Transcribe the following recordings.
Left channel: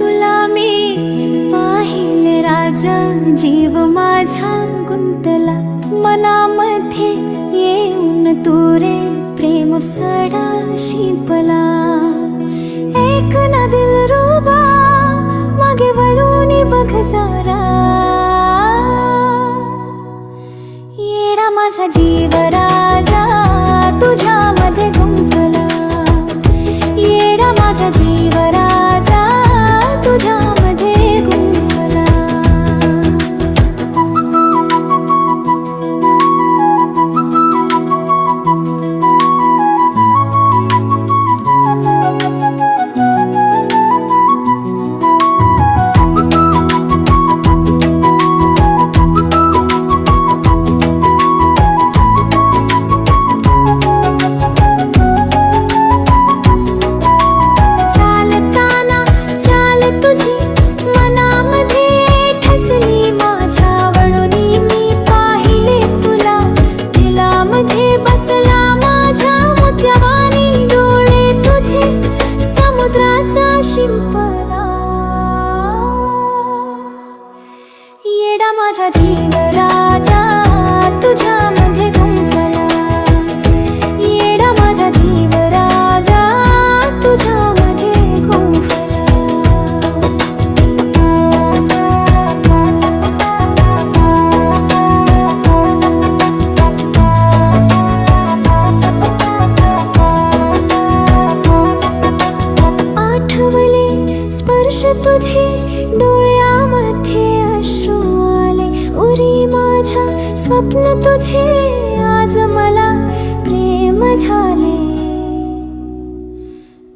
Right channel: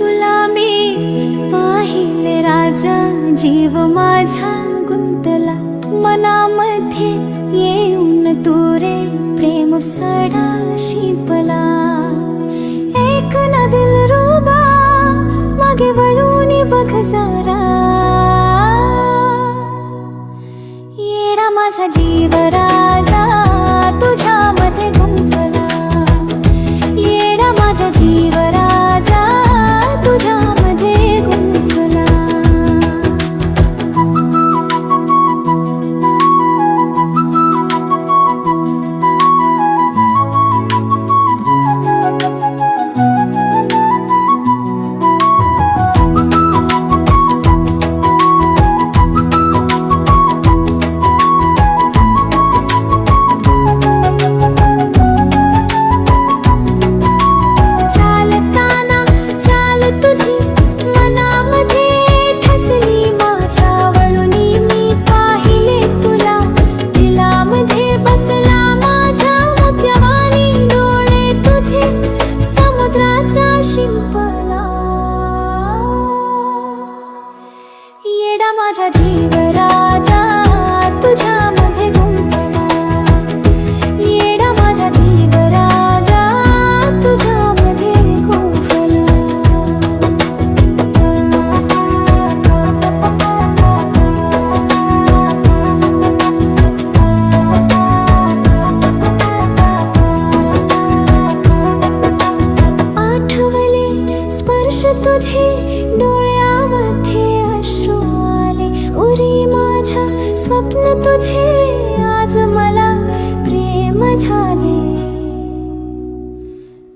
तुला मी पाहिले राजा, जीव माझा गुंतला मनामध्ये येऊन तू रे प्रेम सडा शिंपला. एक ना दिलरुबा मागे वळून बघ जरा, येडा माझा जीव राजा तुझ्यामध्ये गुंफला. येडा माझा जीव राजा तुझ्यामध्ये गुंफला. शिंपला. येडा माझा जीव राजा तुझ्यामध्ये गुंफला. येडा माझा जीव राजा तुझ्यामध्ये गुंफला. स्पर्श तुझे डोळ्यामध्ये अश्रू आले, उरी माझ्या स्वप्न तुझे आज मला प्रेम झाले.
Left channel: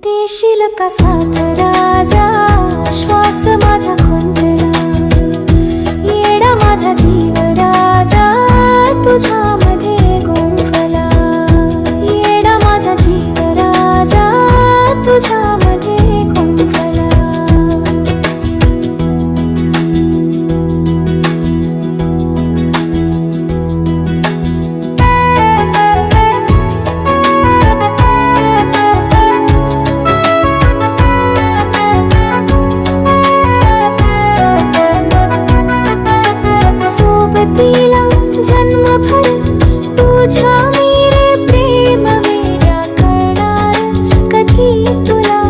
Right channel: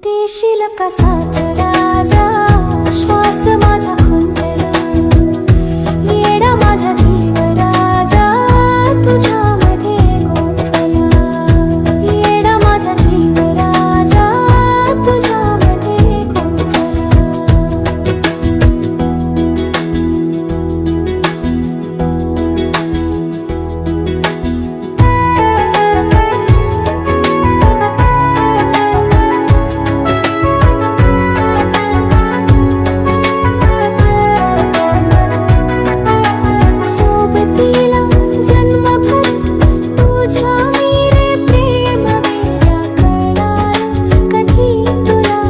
देशील का साथ राजा, श्वास माझा खुंटला. येडा माझा जीव राजा तुझ्यामध्ये गुंफला. येडा माझा जीव राजा तुझ्यामध्ये गुंफला. सोबतीला जन्मभर तुझ्या मी रे प्रेम वेड्या करणार. कधी तुला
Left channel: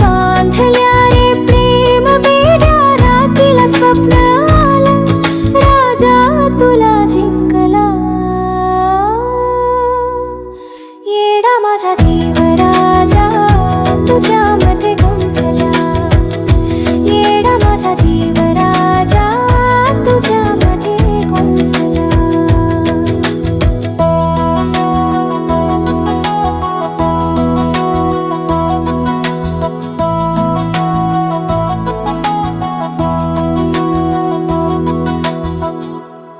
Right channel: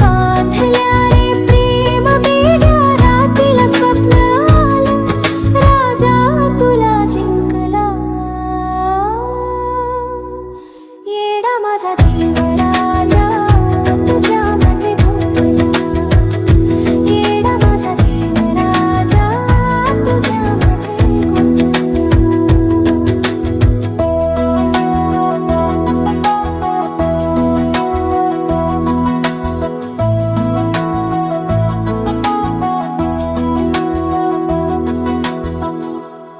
बांधल्या रे प्रेम बेड्या, रातीला स्वप्न आलं राजा तुला जिंकला. येडा माझा जीव